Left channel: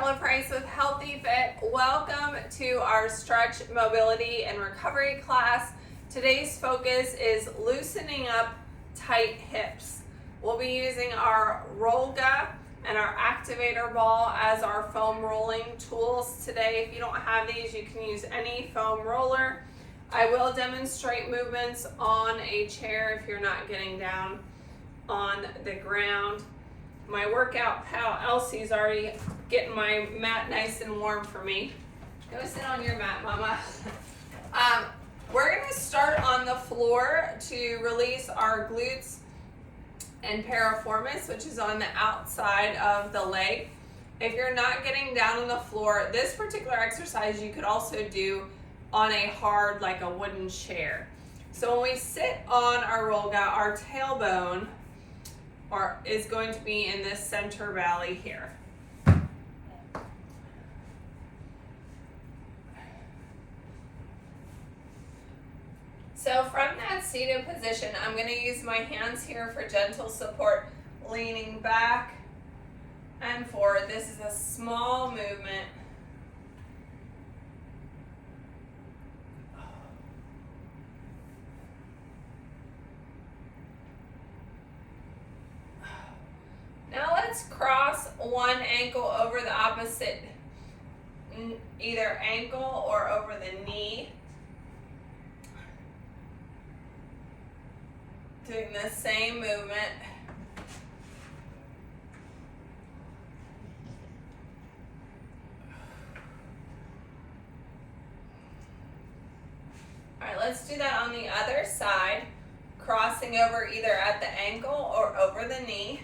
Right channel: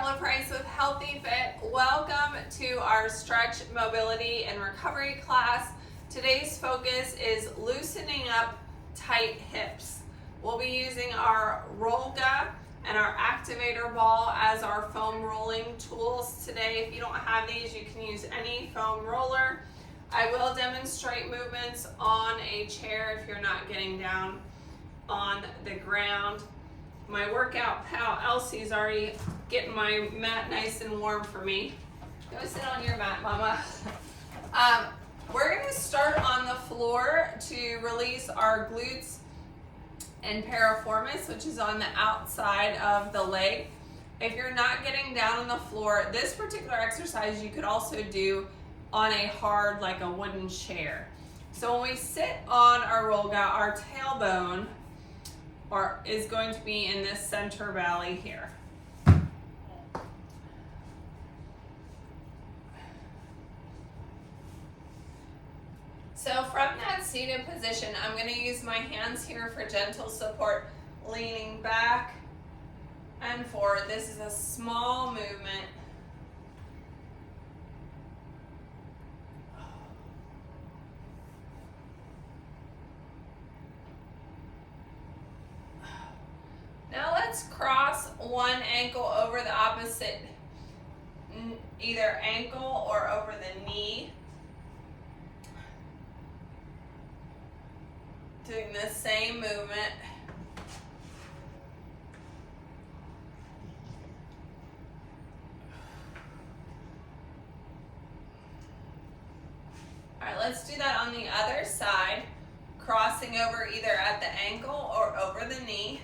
Taylor Price with Healthy Fit. Welcome to our stretch, mobility, and recovery class. Today's focus is loosening up tight hips. We'll be using our Rollga and our activator ball as our foam rolling tools today. If you don't have these, you can use any foam roller. I will demonstrate movements on a chair if you're not getting down on the ground. My workout pal Elsie's already getting my mat nice and warm for me. Go sit on your mat, Mama. We're going to start on the floor to release our glutes and piriformis, which is on the outside of the leg. If you're not getting down on the floor, this particular exercise you could also do on a hard, like a wooden chair. So when we sit on our Rollga, our tailbone is going to be in this center valley here. So from that seated position, I'm going to use my hands here for gentle support, leaning back and forward. This is a small movement. Now let's cross one ankle over the opposite, either ankle or over the knee. Doing the same movement. All right, let's do that on the other side, crossing over either at the ankle or over the knee.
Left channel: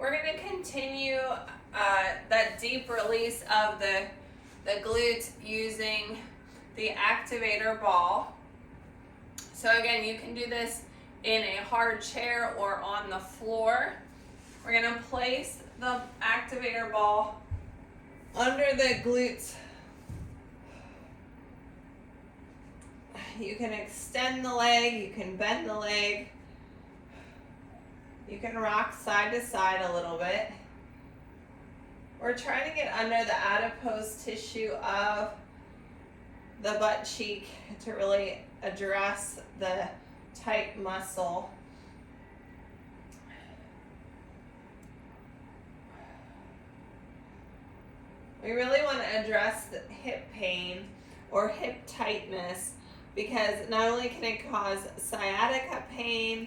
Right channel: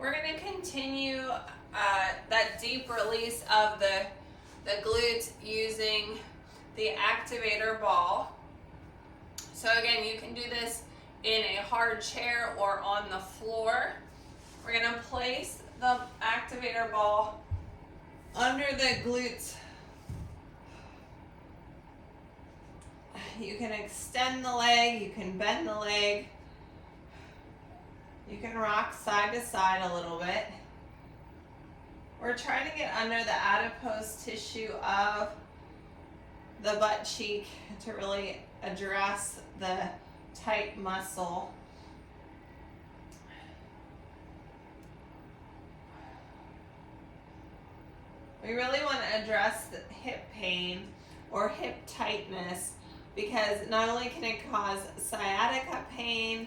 We're going to continue that deep release of the glutes using the activator ball. So again, you can do this in a hard chair or on the floor. We're going to place the activator ball under the glutes. You can extend the leg, you can bend the leg. You can rock side to side a little bit. We're trying to get under the adipose tissue of the butt cheek to really address the tight muscle. We really want to address the hip pain or hip tightness because not only can it cause sciatica pain,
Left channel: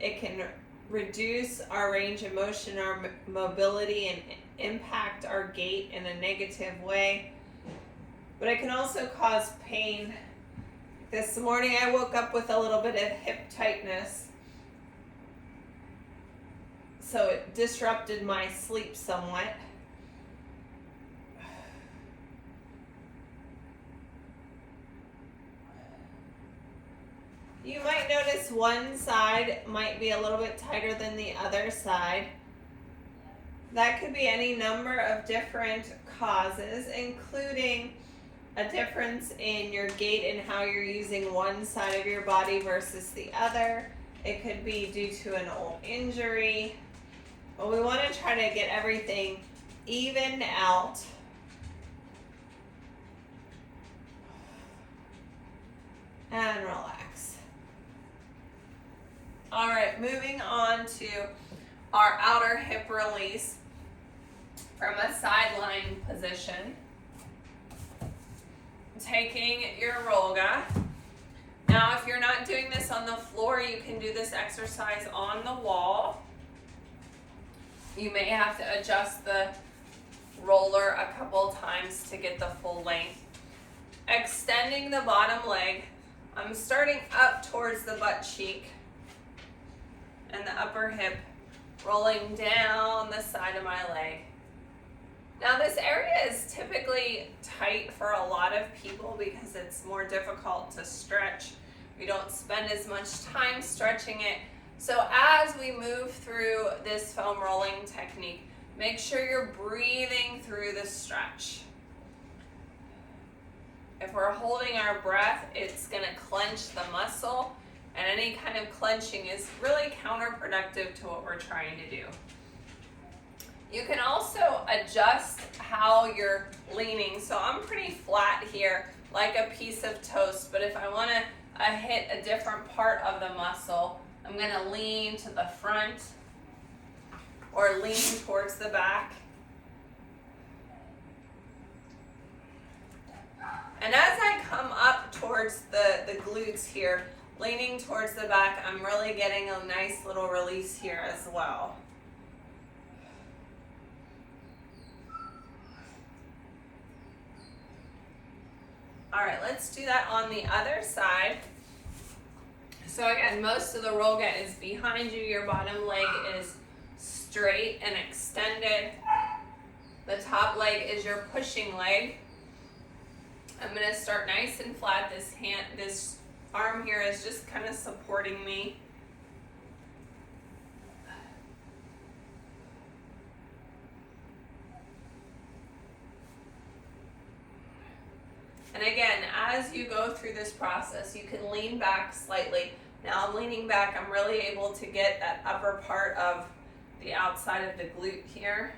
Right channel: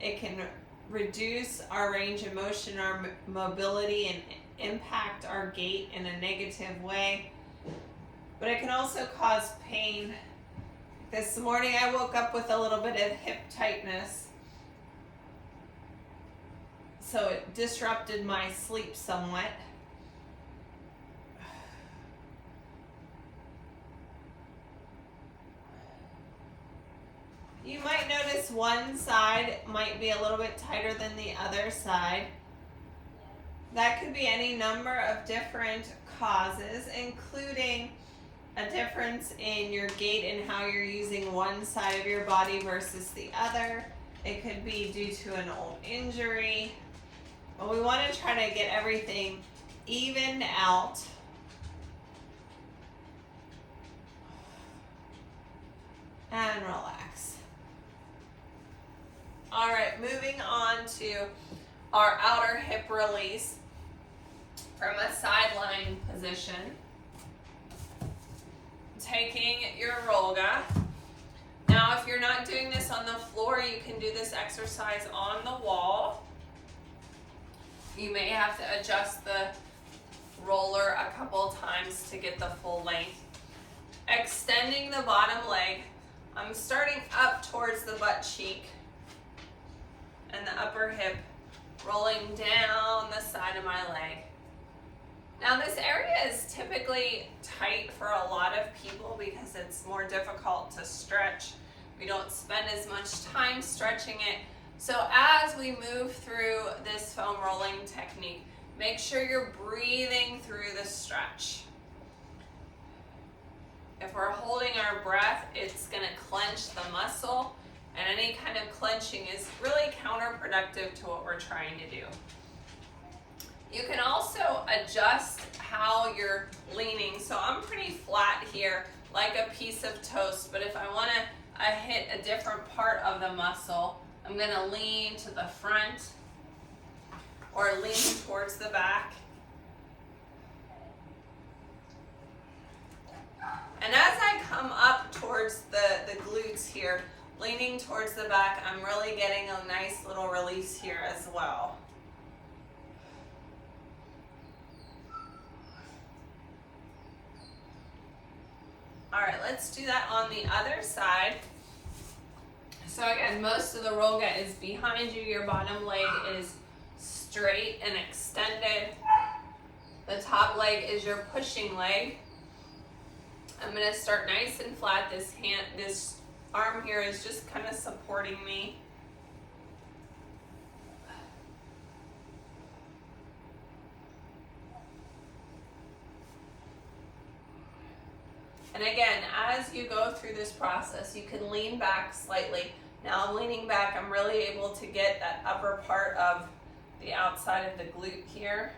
it can reduce our range of motion, our mobility, and impact our gait in a negative way. But it can also cause pain. This morning I woke up with a little bit of hip tightness, so it disrupted my sleep somewhat. You might notice one side might be a little bit tighter than the other side. That could be any number of different causes, including a difference in your gait and how you're using one side of your body versus the other. It could be due to an old injury. But we want to try to get everything evened out. And relax. All right, moving on to our outer hip release from a sideline position. Taking your Rollga. Now, if you're not doing this on the floor, you can do this exercise on the wall. You may have to adjust the roller a couple times to get the full length. Extending the bottom leg. I'm starting up towards the butt cheek and the upper hip, rolling down the side of my leg. Now this area is typically tight for a lot of people because it's more difficult to stretch. We don't spend as much time stretching it, So as we move through this foam rolling technique, make sure you're breathing through the stretch. If we're holding our breath, it's going to clench the muscle, and any kind of clenching is really counterproductive to what we're trying to do. You can also adjust how you're leaning. So I'm pretty flat here, like a piece of toast, but if I want to hit a different part of the muscle, I'm going to lean to the front or lean towards the back. And as I come up towards the glutes here, leaning towards the back, I'm really getting a nice little release here as well. All right, let's do that on the other side. So again, most of the Rollga is behind you. Your bottom leg is straight and extended. The top leg is your pushing leg. I'm going to start nice and flat. This arm here is just kind of supporting me. And again, as you go through this process, you can lean back slightly. Now I'm leaning back, I'm really able to get that upper part of the outside of the glute here.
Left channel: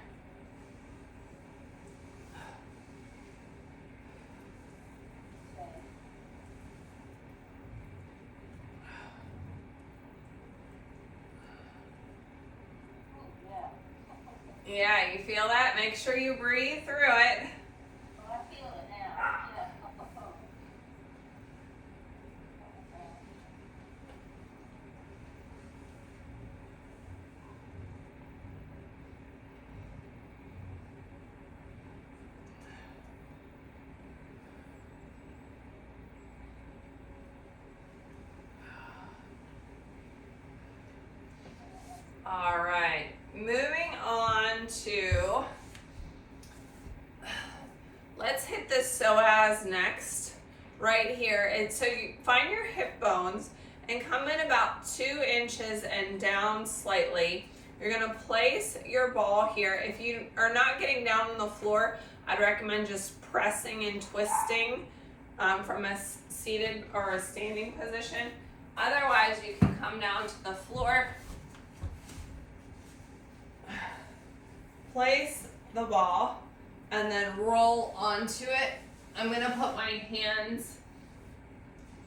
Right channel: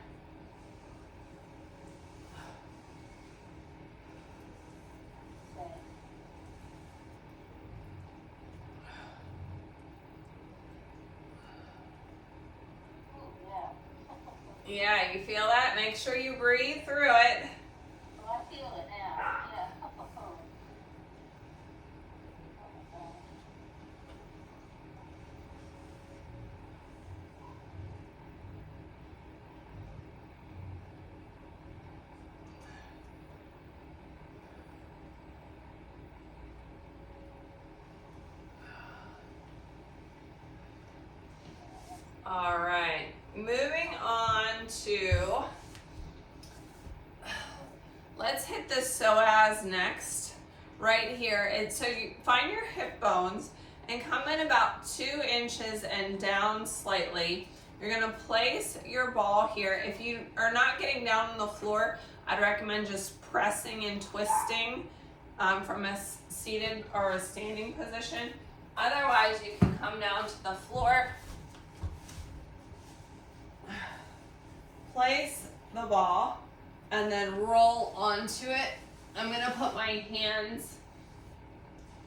Yeah, you feel that? Make sure you breathe through it. All right, moving on to, let's hit the psoas next, right here. And so you find your hip bones and come in about 2 inches and down slightly. You're gonna place your ball here. If you are not getting down on the floor, I'd recommend just pressing and twisting from a seated or a standing position. Otherwise, you can come down to the floor, place the ball, and then roll onto it. I'm going to put my hands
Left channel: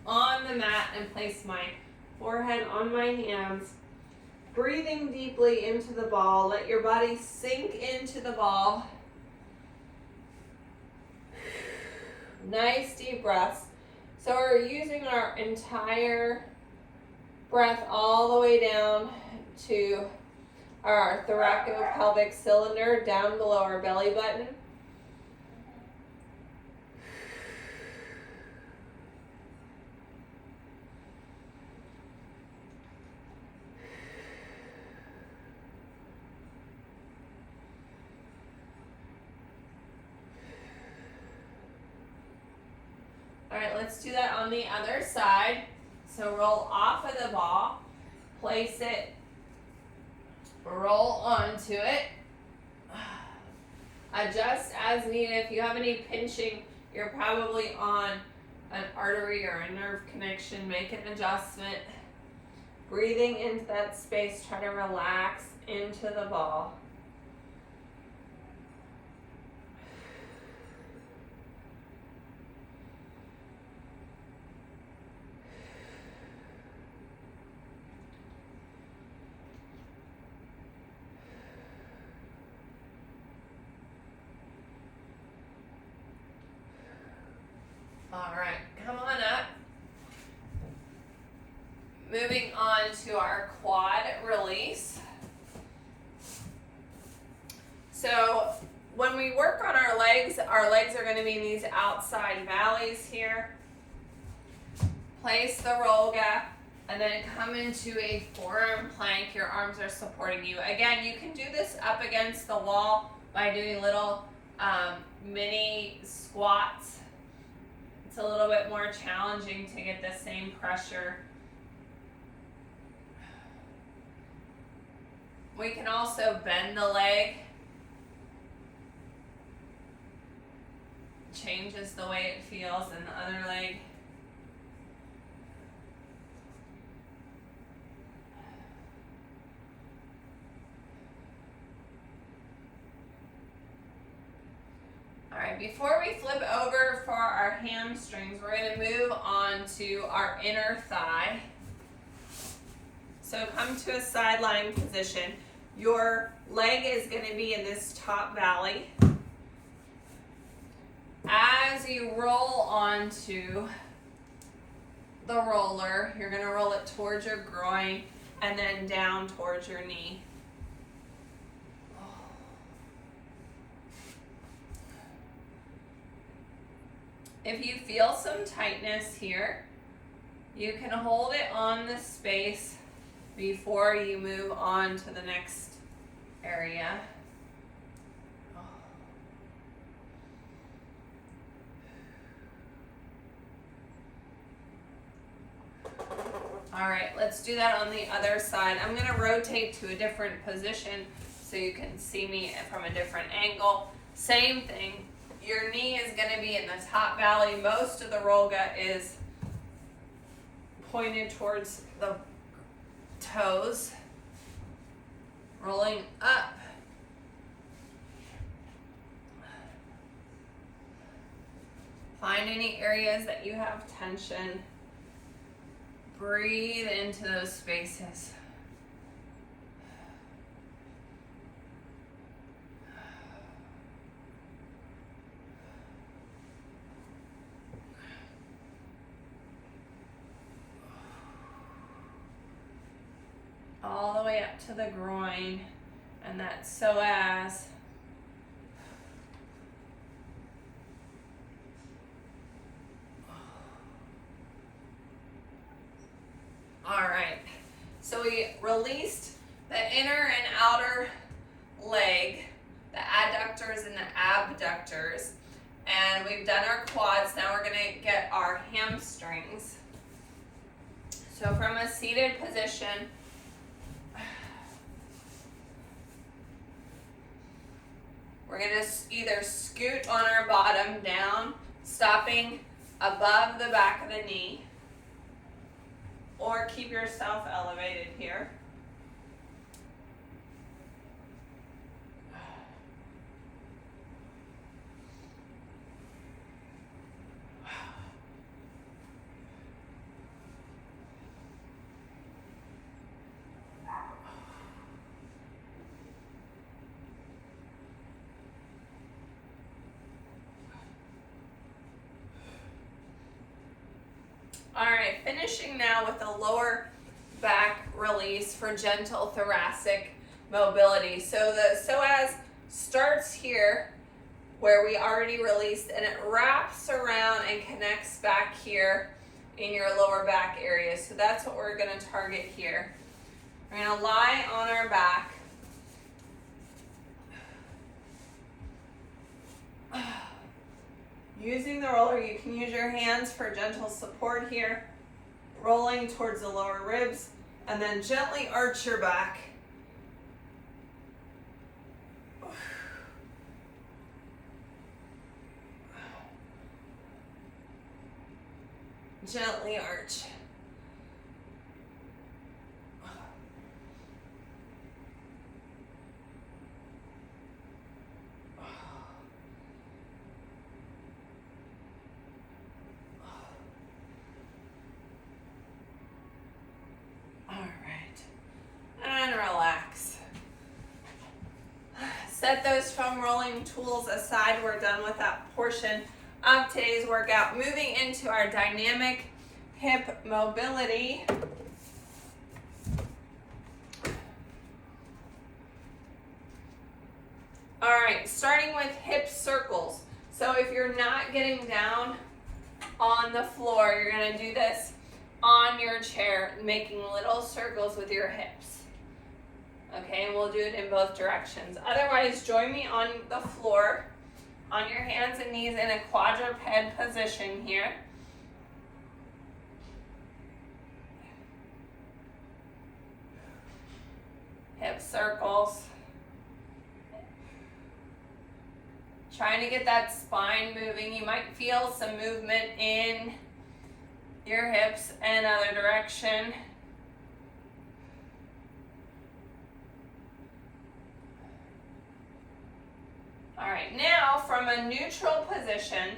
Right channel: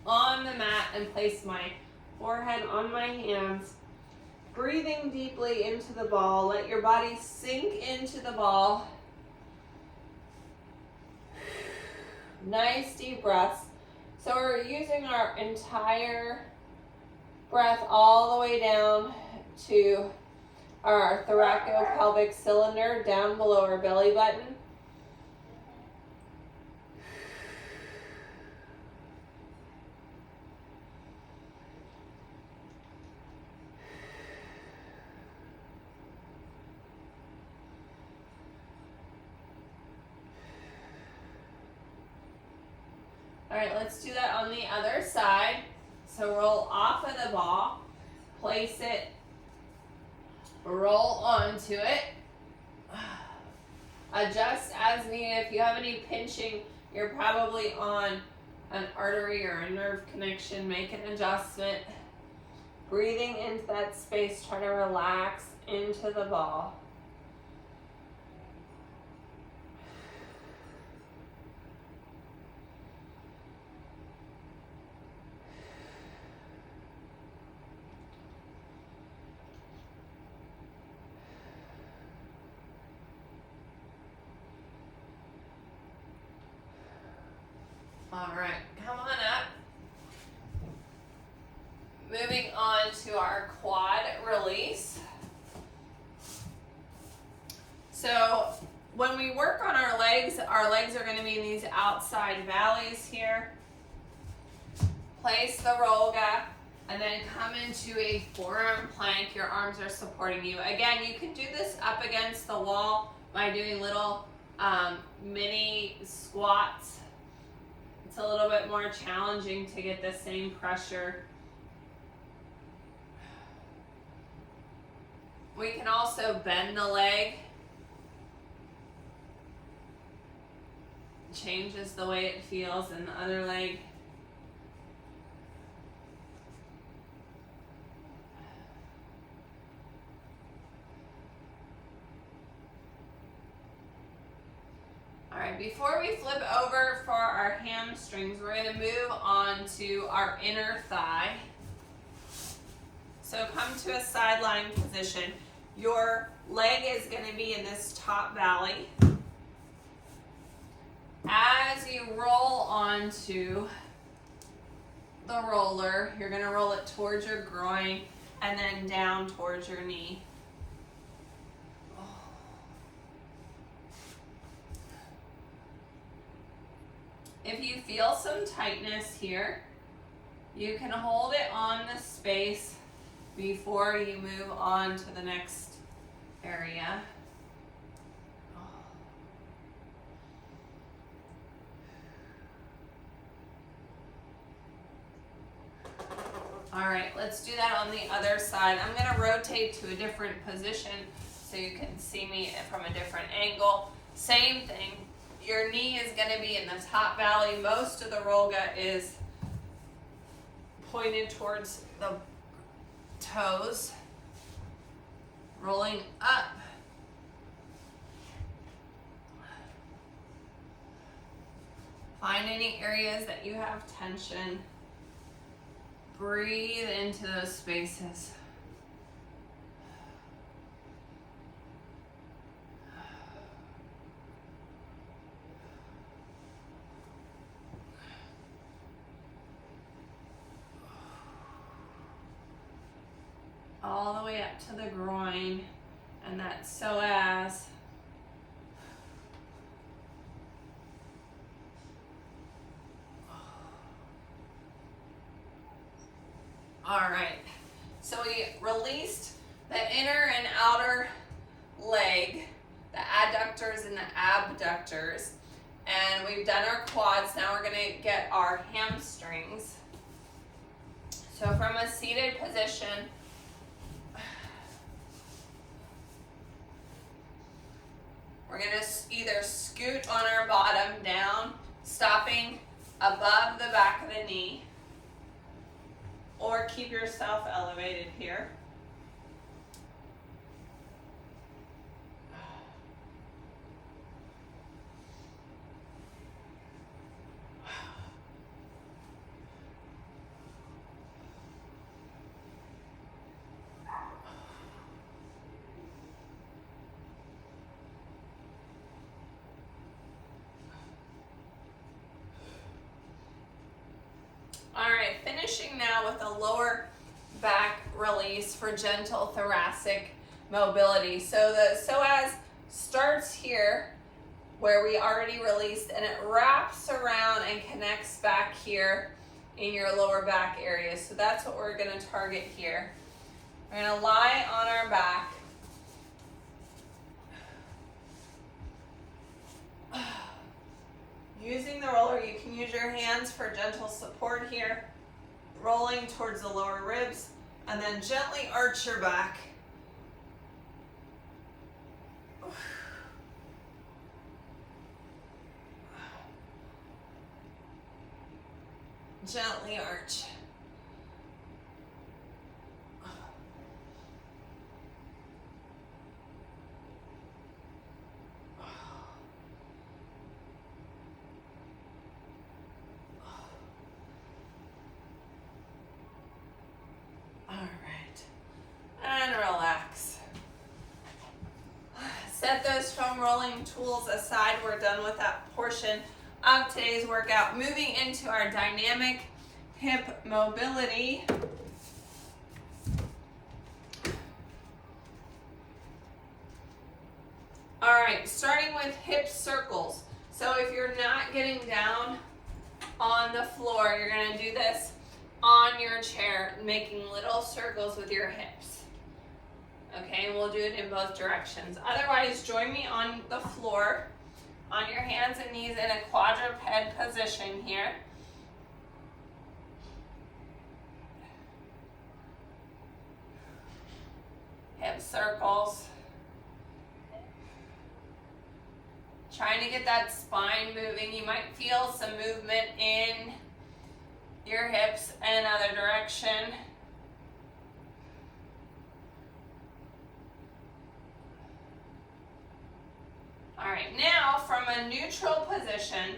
on the mat and place my forehead on my hands. Breathing deeply into the ball. Let your body sink into the ball. Nice deep breaths. So we're using our entire breath all the way down to our thoracopelvic cylinder down below our belly button. All right, let's do that on the other side. So roll off of the ball, place it, roll onto it, adjust as needed. If you have any pinching, you're probably on an artery or a nerve connection, make an adjustment. Breathing into that space, try to relax into the ball. All right, come on up. Moving on to our quad release. So when we work on our legs are going to be in these outside valleys here. Place the Rollga and then come into a forearm plank. Your arms are supporting you. Again, you can do this up against the wall by doing little mini squats. It's a little bit more challenging to get the same pressure. We can also bend the leg. Changes the way it feels in the other leg. All right, before we flip over for our hamstrings, we're going to move on to our inner thigh. So come to a sideline position. Your leg is going to be in this top valley. As you roll onto the roller, you're going to roll it towards your groin and then down towards your knee. If you feel some tightness here, you can hold it on the space before you move on to the next area. All right, let's do that on the other side. I'm going to rotate to a different position so you can see me from a different angle. Same thing. Your knee is going to be in the top valley. Most of the Rollga is pointed towards the toes. Rolling up. Find any areas that you have tension. Breathe into those spaces. All the way up to the groin and that psoas. All right, so we released the inner and outer leg, the adductors and the abductors, and we've done our quads. Now we're gonna get our hamstrings. So from a seated position, we're gonna either scoot on our bottom down, stopping above the back of the knee, or keep yourself elevated here. All right, finishing now with a lower back release for gentle thoracic mobility. So the psoas starts here where we already released, and it wraps around and connects back here in your lower back area. So that's what we're going to target here. We're going to lie on our back. Using the roller, you can use your hands for gentle support here, rolling towards the lower ribs, and then gently arch your back. Gently arch. And relax. Set those foam rolling tools aside. We're done with that portion of today's workout. Moving into our dynamic hip mobility. All right, starting with hip circles. So if you're not getting down on the floor, you're going to do this on your chair, making little circles with your hips. Okay, and we'll do it in both directions. Otherwise, join me on the floor, on your hands and knees in a quadruped position here. hip circles. Trying to get that spine moving. You might feel some movement in your hips and other direction. All right, now from a neutral position,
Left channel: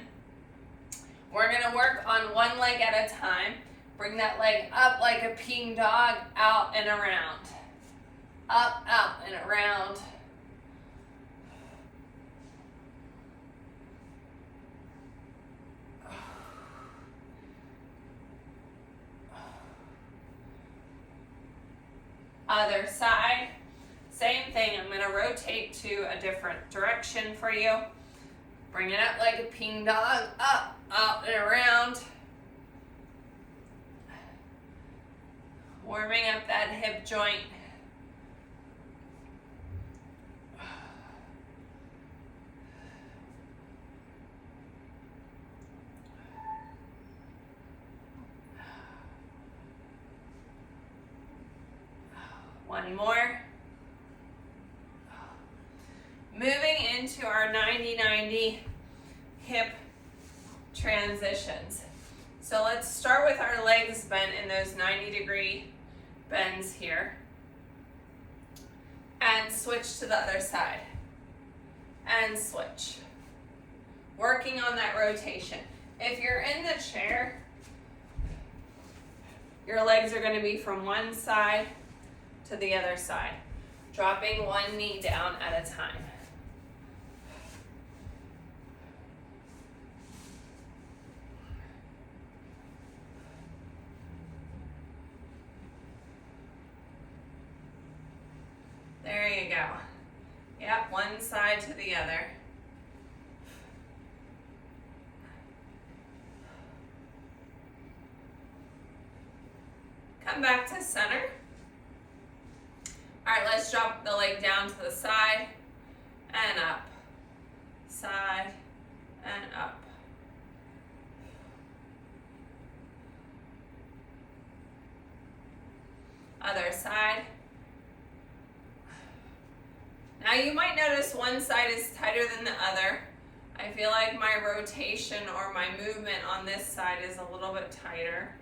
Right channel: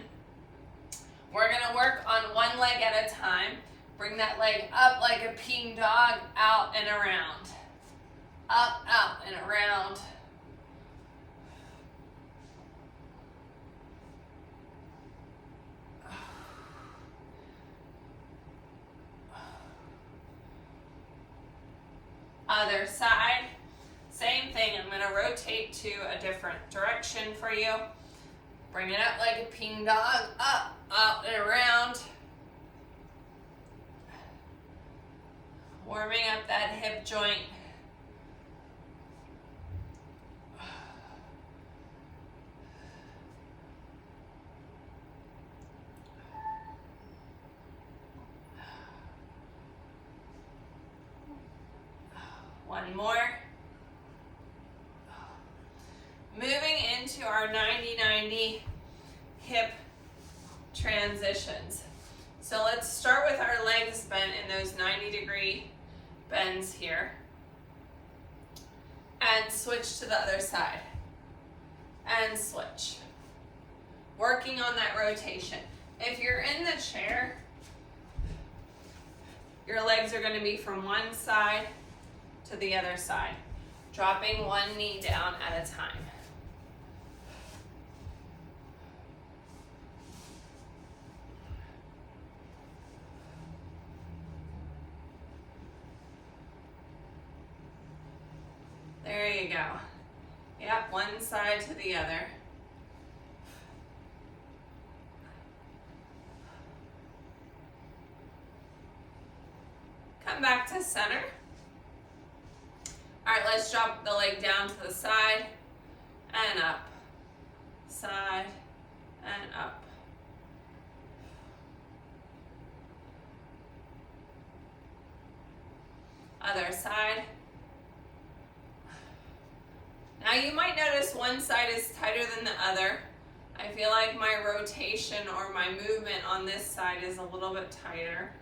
we're gonna work on one leg at a time. Bring that leg up like a peeing dog, out and around. Up, out, and around. Other side, same thing. I'm gonna rotate to a different direction for you. Bring it up like a peeing dog, up, out, and around. Warming up that hip joint. One more. Moving into our 90-90 hip transitions. So let's start with our legs bent in those 90-degree bends here. And switch to the other side. And switch. Working on that rotation. If you're in the chair, your legs are going to be from one side to the other side, dropping one knee down at a time. There you go. Yep, one side to the other. Come back to center. All right, let's drop the leg down to the side and up, side and up. Other side. Now you might notice one side is tighter than the other. I feel like my rotation or my movement on this side is a little bit tighter.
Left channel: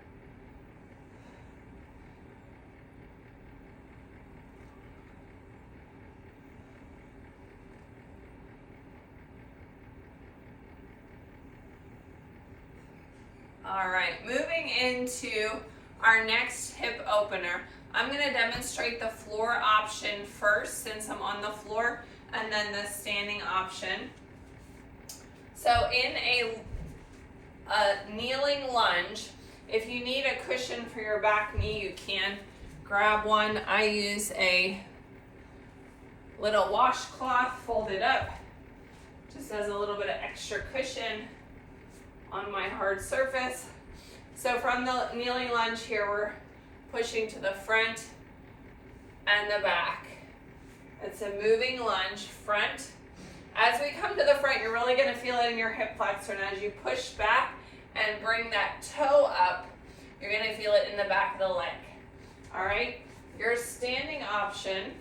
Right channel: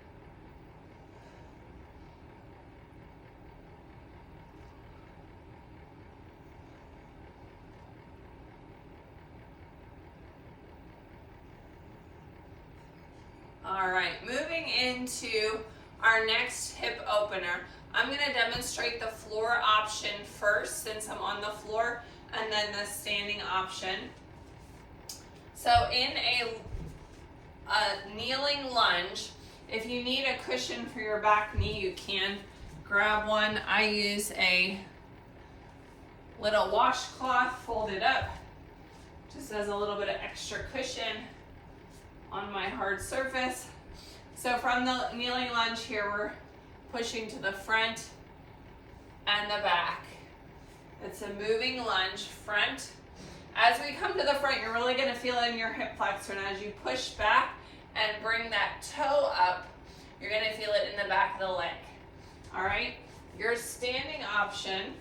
All right, moving into our next hip opener. I'm going to demonstrate the floor option first since I'm on the floor, and then the standing option. So in a kneeling lunge, if you need a cushion for your back knee, you can grab one. I use a little washcloth folded up, just as a little bit of extra cushion on my hard surface. So from the kneeling lunge here, we're pushing to the front and the back. It's a moving lunge, front. As we come to the front, you're really gonna feel it in your hip flexor, and as you push back and bring that toe up, you're gonna feel it in the back of the leg. All right, your standing option,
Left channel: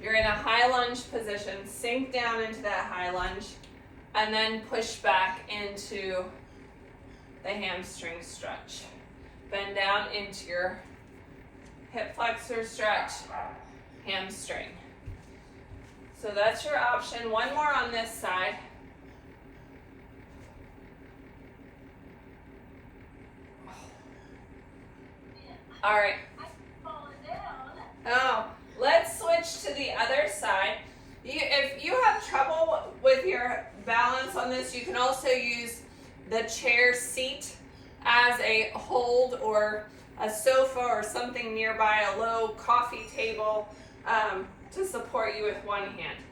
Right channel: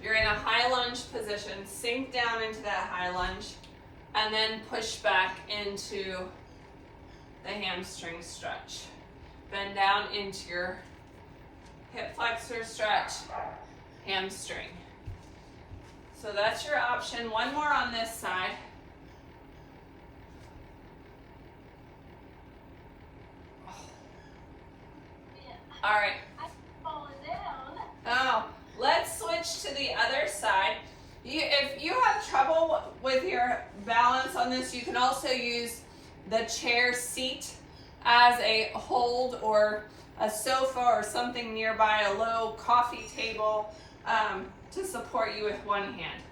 you're in a high lunge position, sink down into that high lunge, and then push back into the hamstring stretch. Bend down into your hip flexor stretch, hamstring. So that's your option. One more on this side. All right. Oh, let's switch to the other side. If you have trouble with your balance on this, you can also use the chair seat as a hold, or a sofa or something nearby, a low coffee table, to support you with one hand.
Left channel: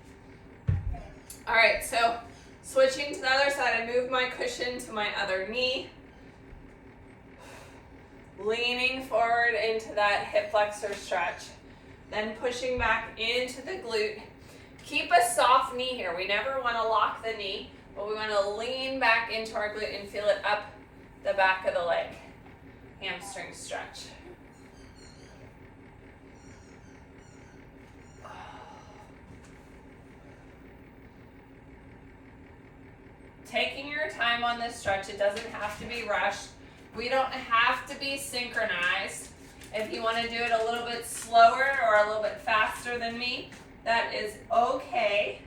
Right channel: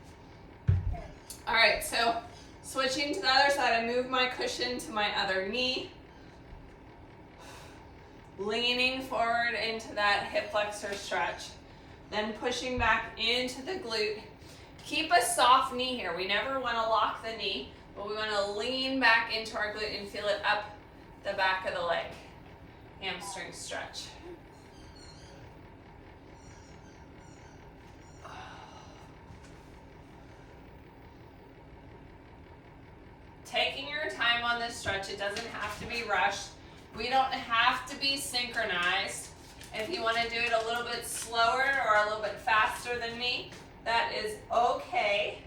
All right, so switching to the other side, I move my cushion to my other knee, leaning forward into that hip flexor stretch, then pushing back into the glute. Keep a soft knee here. We never want to lock the knee, but we want to lean back into our glute and feel it up the back of the leg. Hamstring stretch. on this stretch. It doesn't have to be rushed. We don't have to be synchronized. If you want to do it a little bit slower or a little bit faster than me, that is okay.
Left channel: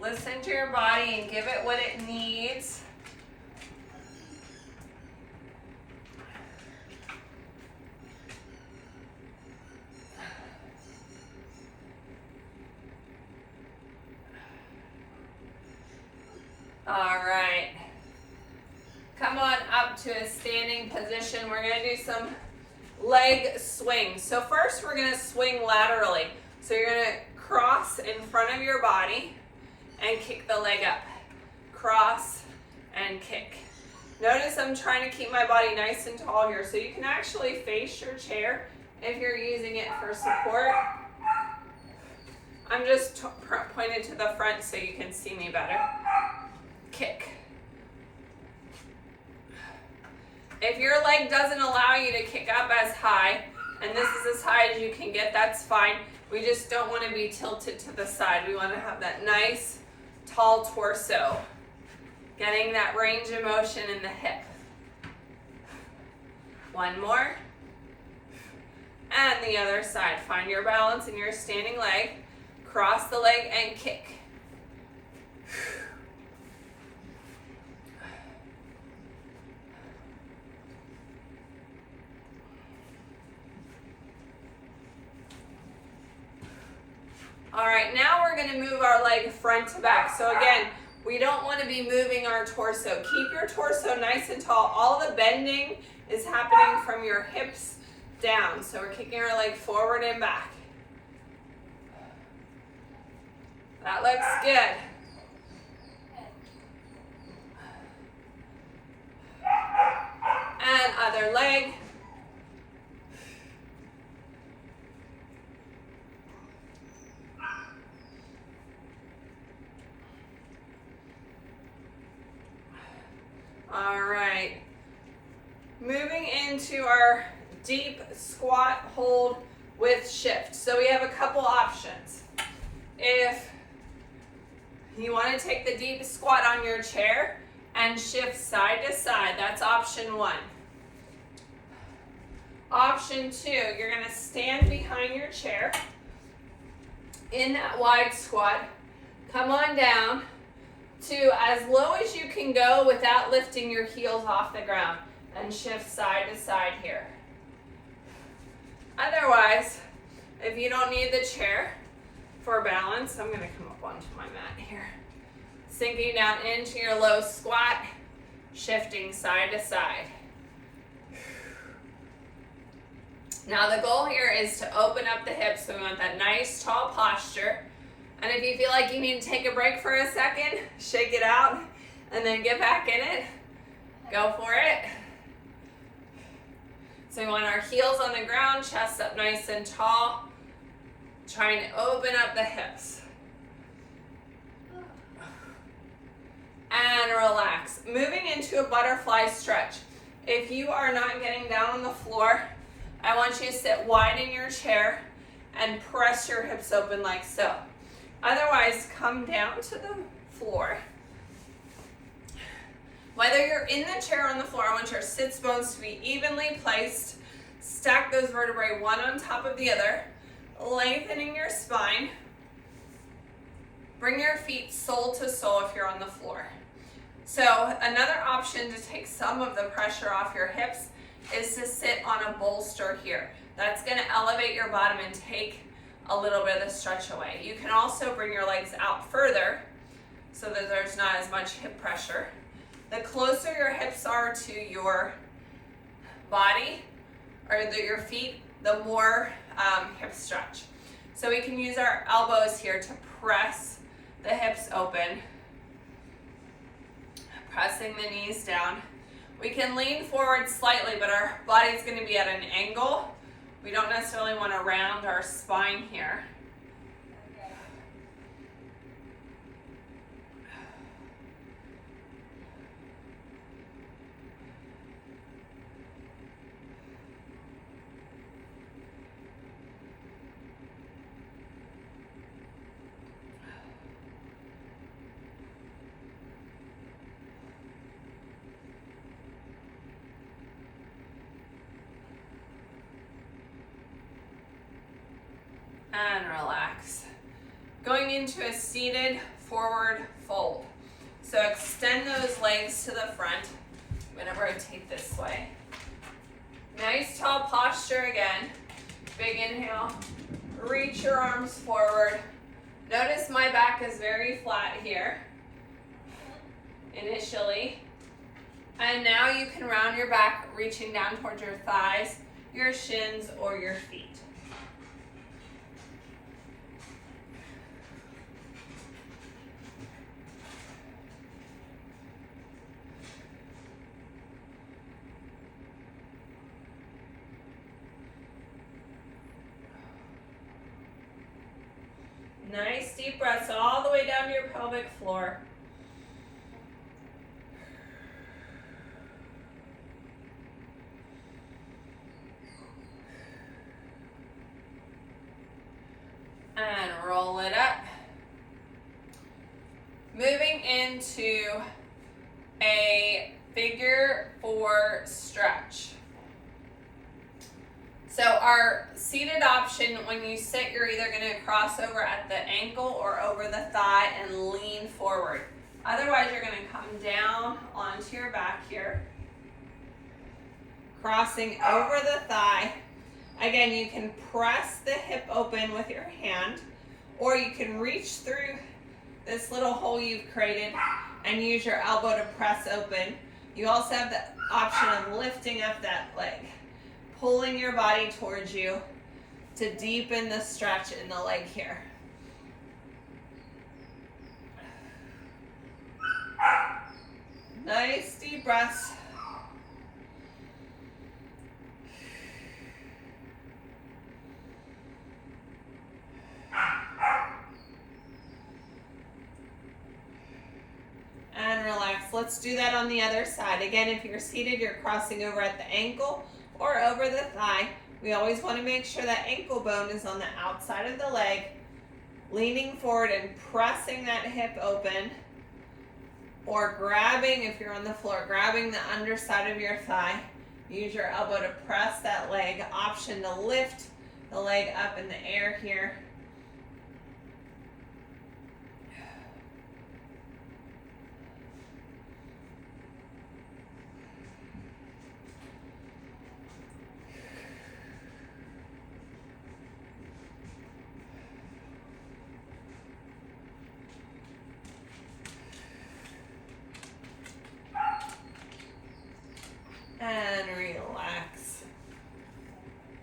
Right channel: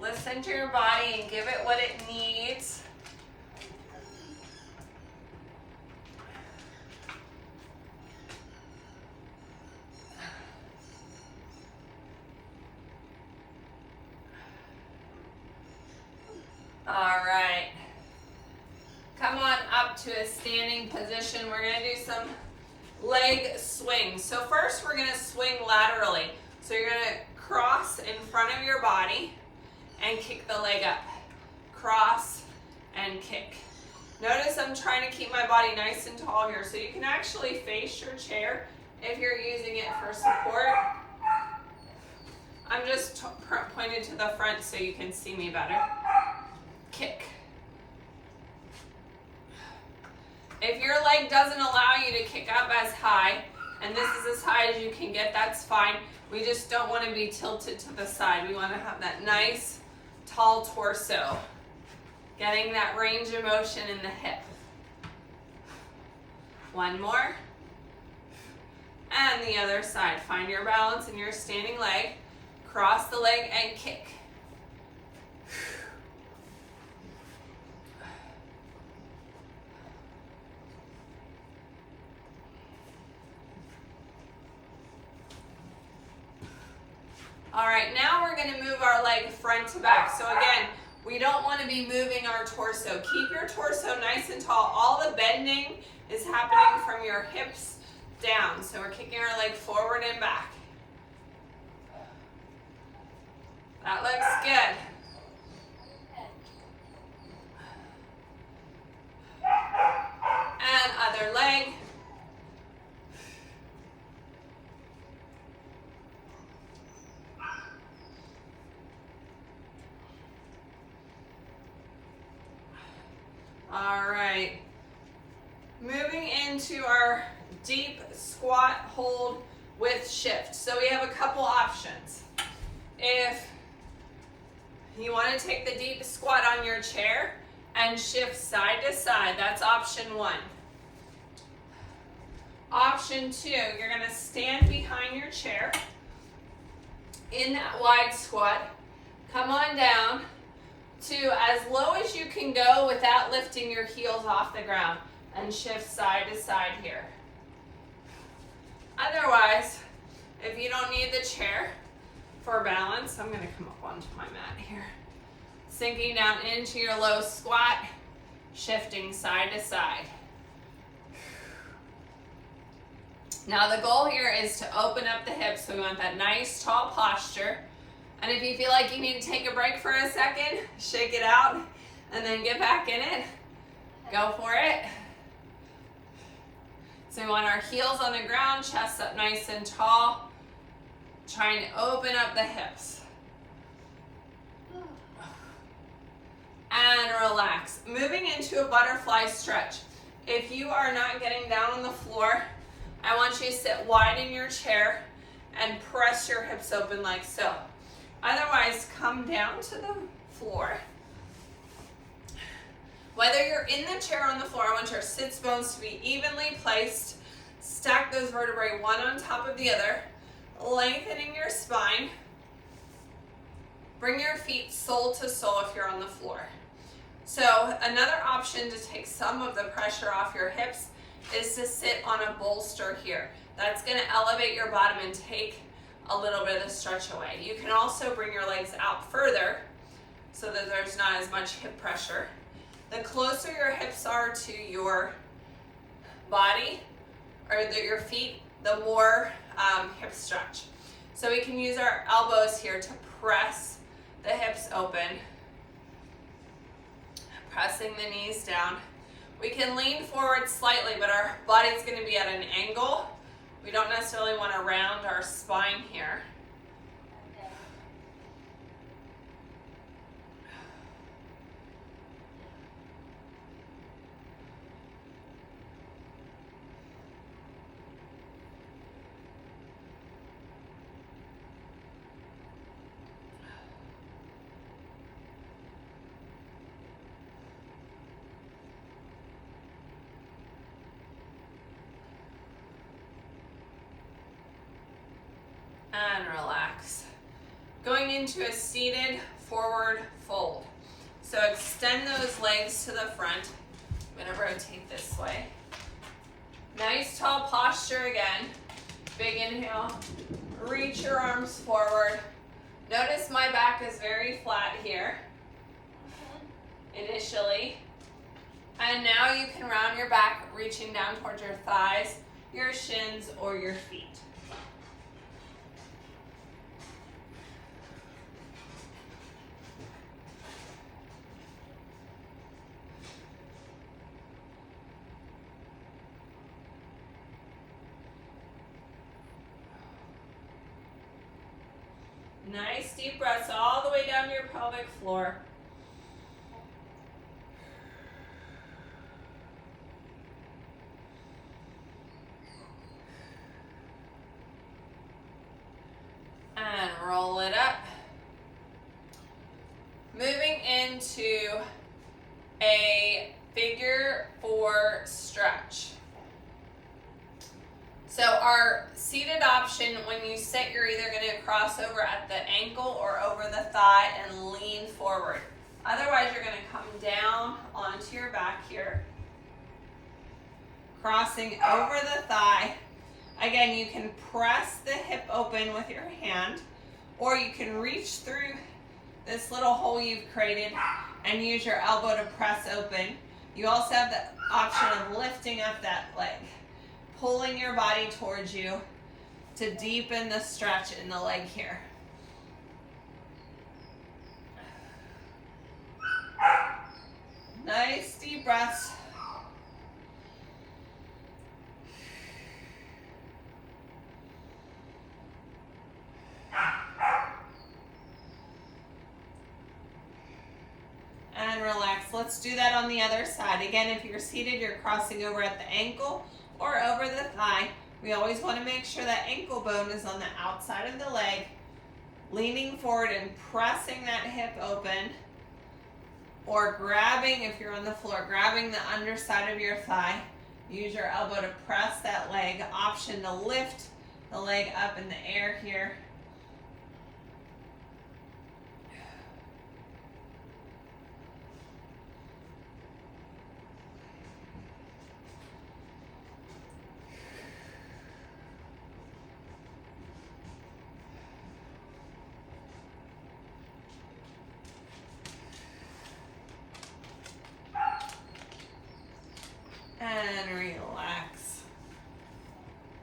Listen to your body and give it what it needs. All right. Come on up to a standing position. We're going to do some leg swings. So first we're going to swing laterally. So you're going to cross in front of your body and kick the leg up. Cross and kick. Notice I'm trying to keep my body nice and tall here, so you can actually face your chair if you're using it for support. I'm just pointed to the front so you can see me better. Kick. If your leg doesn't allow you to kick up as high, and this is as high as you can get, that's fine. We just don't want to be tilted to the side. We want to have that nice, tall torso. Getting that range of motion in the hip. One more. And the other side. Find your balance in your standing leg. Cross the leg and kick. All right, now we're going to move our leg front to back. So again, we don't want to be moving our torso. Keep your torso nice and tall. All the bending is happening from your hips down. So we're kicking our leg forward and back. That looks good. And other leg. All right. Moving into our deep squat hold with shift. So we have a couple options. If you want to take the deep squat on your chair and shift side to side, that's option one. Option two, you're going to stand behind your chair in that wide squat. Come on down to as low as you can go without lifting your heels off the ground, and shift side to side here. Otherwise, if you don't need the chair for balance, I'm going to come up onto my mat here. Sinking down into your low squat, shifting side to side. Now the goal here is to open up the hips, so we want that nice tall posture. And if you feel like you need to take a break for a second, shake it out and then get back in it. Go for it. So we want our heels on the ground, chest up nice and tall. Trying to open up the hips. And relax. Moving into a butterfly stretch. If you are not getting down on the floor, I want you to sit wide in your chair and press your hips open like so. Otherwise, come down to the floor. Whether you're in the chair or on the floor, I want your sits bones to be evenly placed. Stack those vertebrae one on top of the other, lengthening your spine. Bring your feet sole to sole if you're on the floor. So another option to take some of the pressure off your hips is to sit on a bolster here. That's going to elevate your bottom and take a little bit of the stretch away. You can also bring your legs out further so that there's not as much hip pressure. The closer your hips are to your body or your feet, the more hip stretch. So we can use our elbows here to press the hips open, pressing the knees down. We can lean forward slightly, but our body's going to be at an angle. We don't necessarily want to round our spine here. going into a seated forward fold. So extend those legs to the front. I'm going to rotate this way. Nice tall posture again. Big inhale. Reach your arms forward. Notice my back is very flat here initially. And now you can round your back, reaching down towards your thighs, your shins, or your feet. Nice deep breaths all the way down to your pelvic floor. And roll it up. Moving into a figure 4 stretch. So our seated option, when you sit, you're either going to cross over at the ankle or over the thigh and lean forward. Otherwise, you're going to come down onto your back here, crossing over the thigh. Again, you can press the hip open with your hand, or you can reach through this little hole you've created and use your elbow to press open. You also have the option of lifting up that leg, pulling your body towards you to deepen the stretch in the leg here. Nice deep breaths. And relax. Let's do that on the other side. Again, if you're seated, you're crossing over at the ankle or over the thigh. We always want to make sure that ankle bone is on the outside of the leg, leaning forward and pressing that hip open, or grabbing, if you're on the floor, grabbing the underside of your thigh. Use your elbow to press that leg. Option to lift the leg up in the air here. And relax.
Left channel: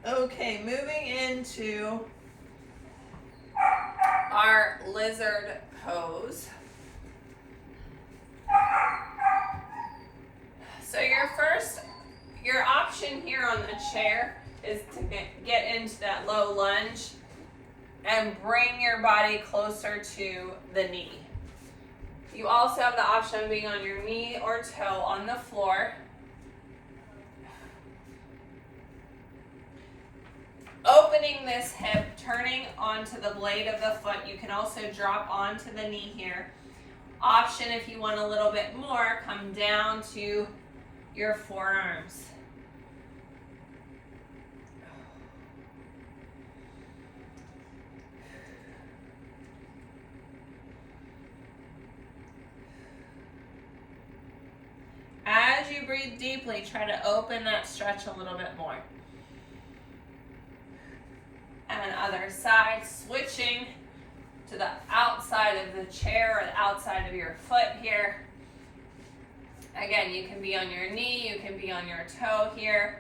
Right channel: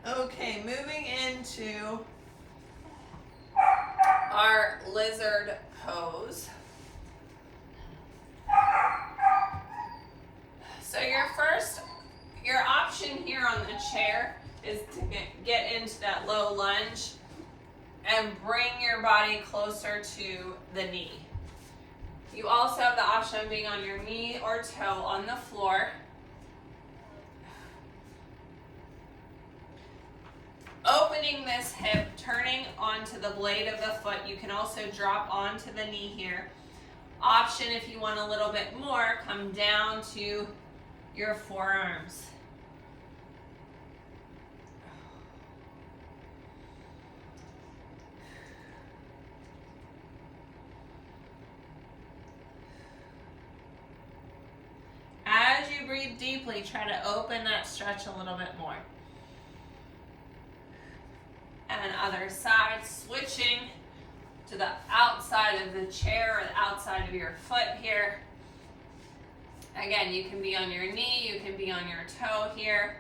Okay, moving into our lizard pose. So your option here on the chair is to get into that low lunge and bring your body closer to the knee. You also have the option of being on your knee or toe on the floor. Opening this hip, turning onto the blade of the foot. You can also drop onto the knee here. Option, if you want a little bit more, come down to your forearms. As you breathe deeply, try to open that stretch a little bit more. And other side, switching to the outside of the chair or the outside of your foot here. Again, you can be on your knee, you can be on your toe here.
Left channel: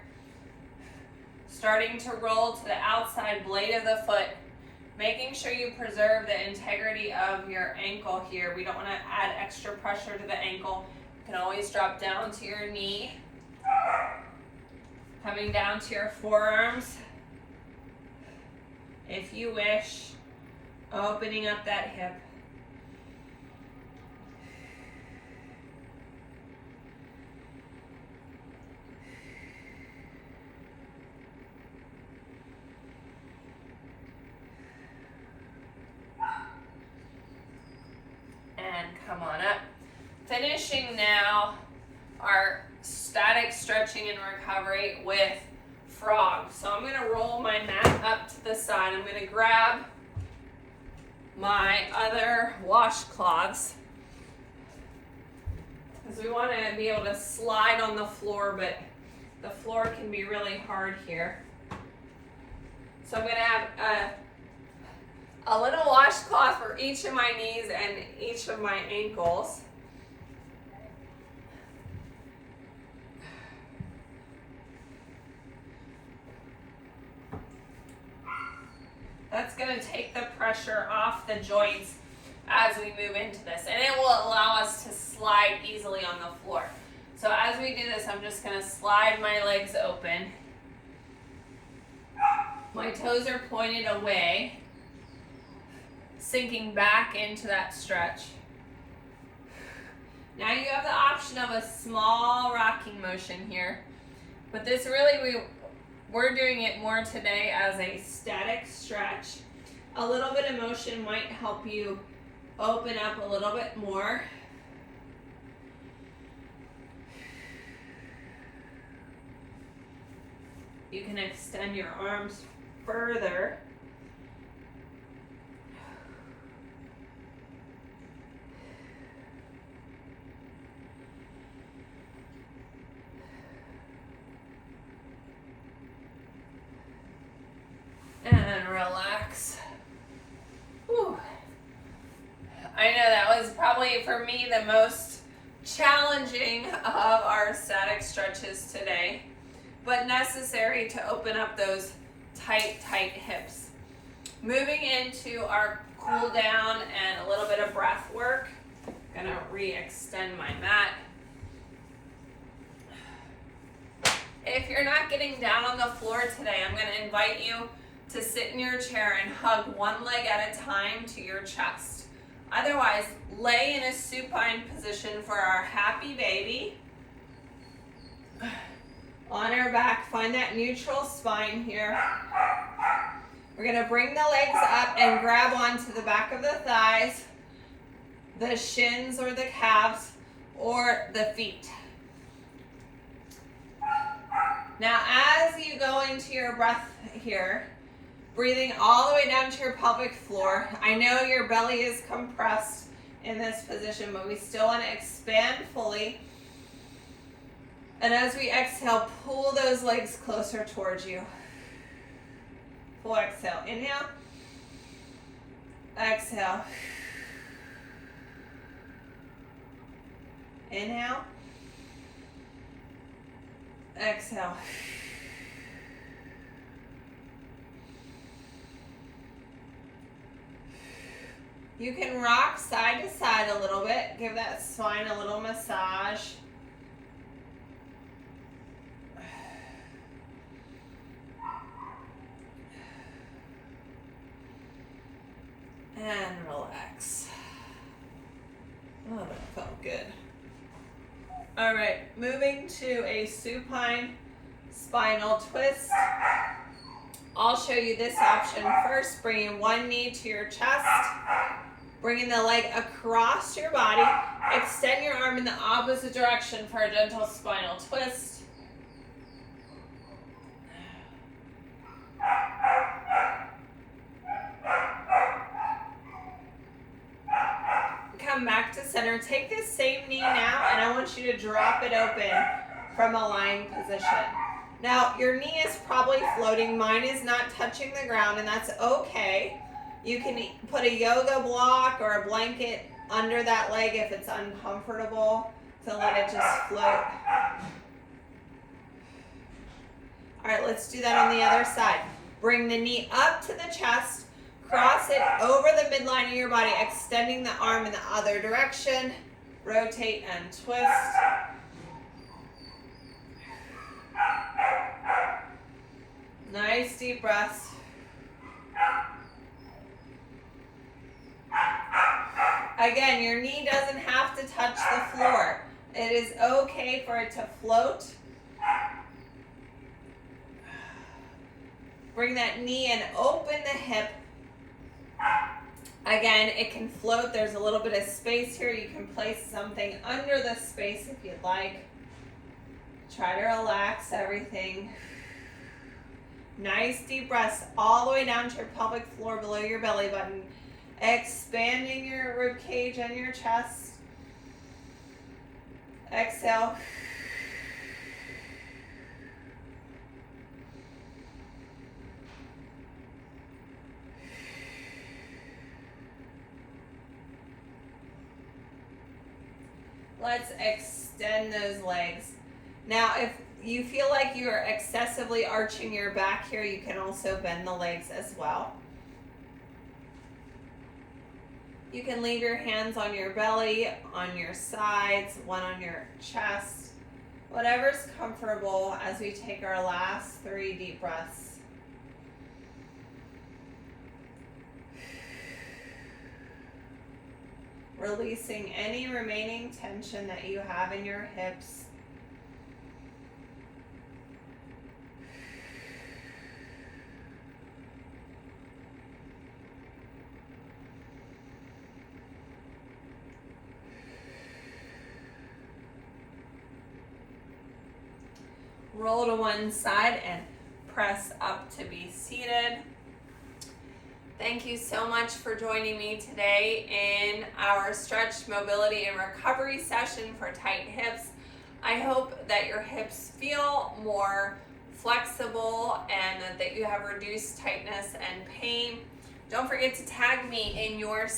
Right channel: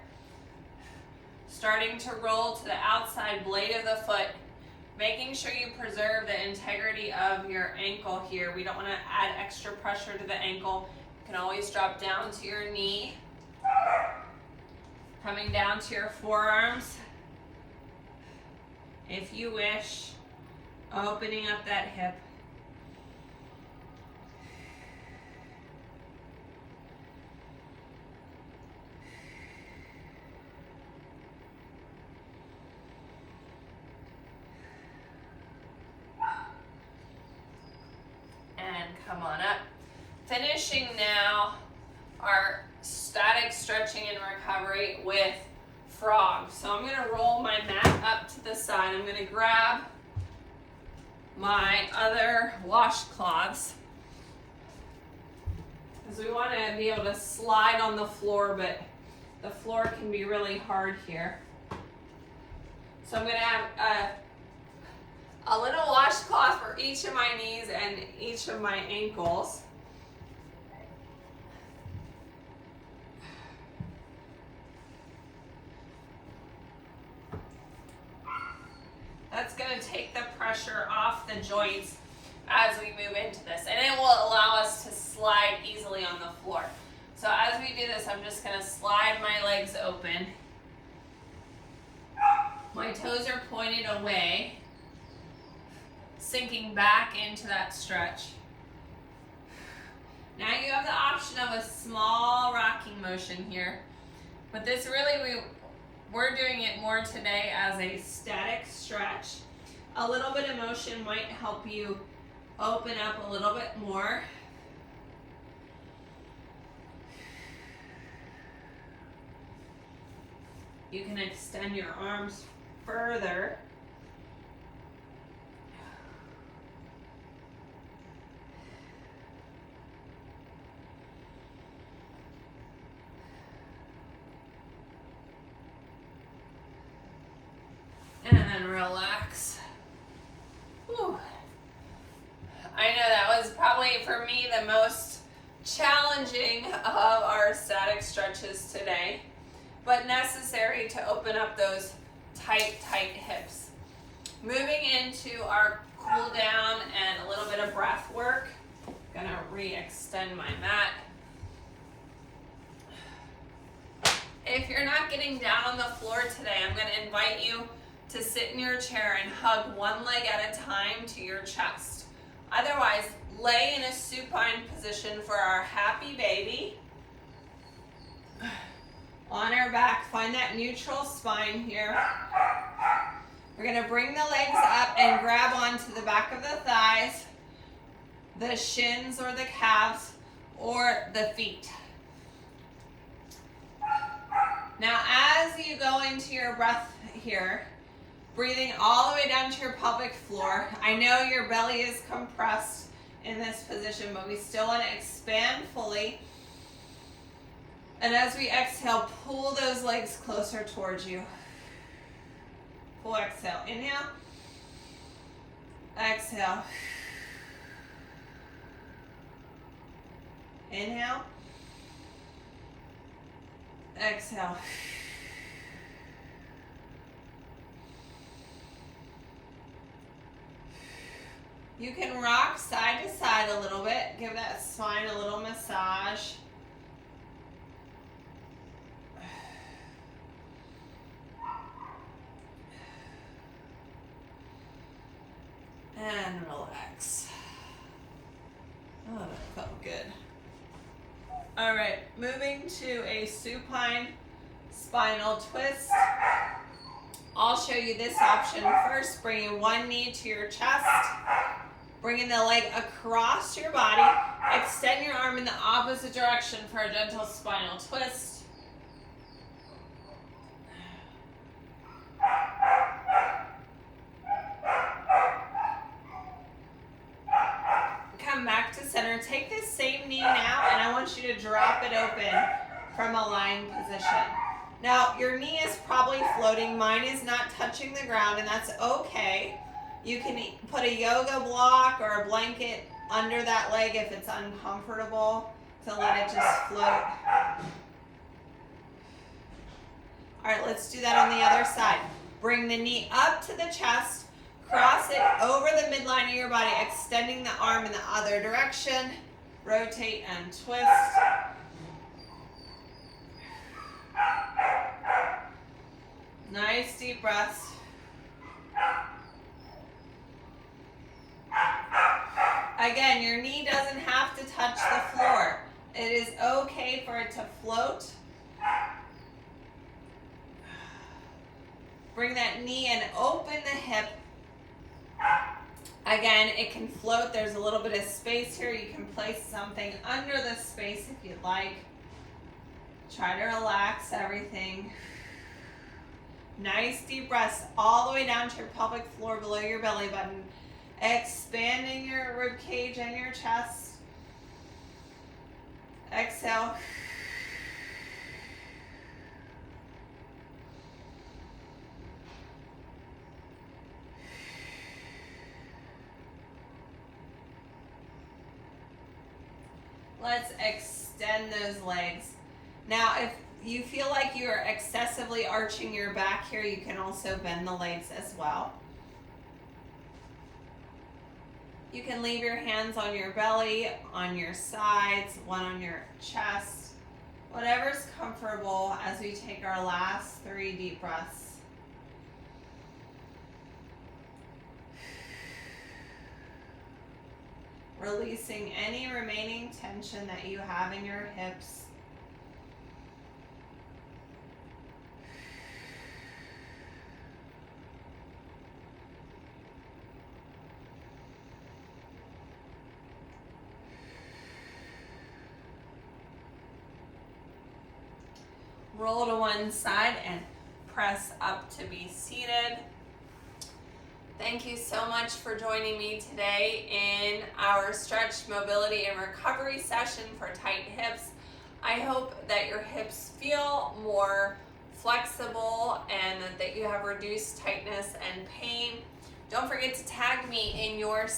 Starting to roll to the outside blade of the foot, making sure you preserve the integrity of your ankle here. We don't want to add extra pressure to the ankle. You can always drop down to your knee. Coming down to your forearms. If you wish, opening up that hip. And come on up. Finishing now our static stretching and recovery with frog. So I'm going to roll my mat up to the side. I'm going to grab my other washcloths, because we want to be able to slide on the floor, but the floor can be really hard here. So I'm going to have a little washcloth for each of my knees and each of my ankles. That's going to take the pressure off the joints as we move into this, and it will allow us to slide easily on the floor. So as we do this, I'm just going to slide my legs open. My toes are pointed away, sinking back into that stretch. Now you have the option of a small rocking motion here, but this really, we're doing it more today as a static stretch. A little bit of motion might help you open up a little bit more. You can extend your arms further. And relax. Whew. I know that was probably for me the most challenging of our static stretches today, but necessary to open up those tight hips. Moving into our cool down and a little bit of breath work. I'm gonna re-extend my mat. If you're not getting down on the floor today, I'm gonna invite you to sit in your chair and hug one leg at a time to your chest. Otherwise, lay in a supine position for our happy baby. On our back, find that neutral spine here. We're gonna bring the legs up and grab onto the back of the thighs, the shins or the calves, or the feet. Now, as you go into your breath here, breathing all the way down to your pelvic floor. I know your belly is compressed in this position, but we still want to expand fully. And as we exhale, pull those legs closer towards you. Full exhale. Inhale. Exhale. Inhale. Exhale. You can rock side to side a little bit. Give that spine a little massage. And relax. Oh, that felt good. All right, moving to a supine spinal twist. I'll show you this option first. Bringing one knee to your chest. Bringing the leg across your body. Extend your arm in the opposite direction for a gentle spinal twist. Come back to center. Take this same knee now, and I want you to drop it open from a lying position. Now, your knee is probably floating. Mine is not touching the ground, and that's okay. You can put a yoga block or a blanket under that leg if it's uncomfortable to let it just float. All right, let's do that on the other side. Bring the knee up to the chest, cross it over the midline of your body, extending the arm in the other direction. Rotate and twist. Nice deep breaths. Again, your knee doesn't have to touch the floor. It is okay for it to float. Bring that knee and open the hip. Again, it can float. There's a little bit of space here. You can place something under the space if you'd like. Try to relax everything. Nice deep breaths all the way down to your pelvic floor below your belly button. Expanding your rib cage and your chest. Exhale. Let's extend those legs. Now, if you feel like you're excessively arching your back here, you can also bend the legs as well. You can leave your hands on your belly, on your sides, one on your chest, whatever's comfortable as we take our last 3 deep breaths. Releasing any remaining tension that you have in your hips. Roll to one side and press up to be seated. Thank you so much for joining me today in our stretch, mobility, and recovery session for tight hips. I hope that your hips feel more flexible and that you have reduced tightness and pain. Don't forget to tag me in your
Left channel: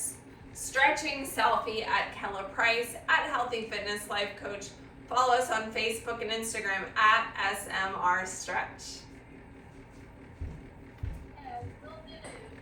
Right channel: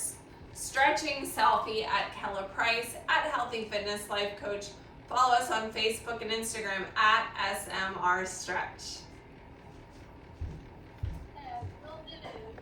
stretching selfie at Kella Price, at Healthy Fitness Life Coach. Follow us on Facebook and Instagram at SMR Stretch.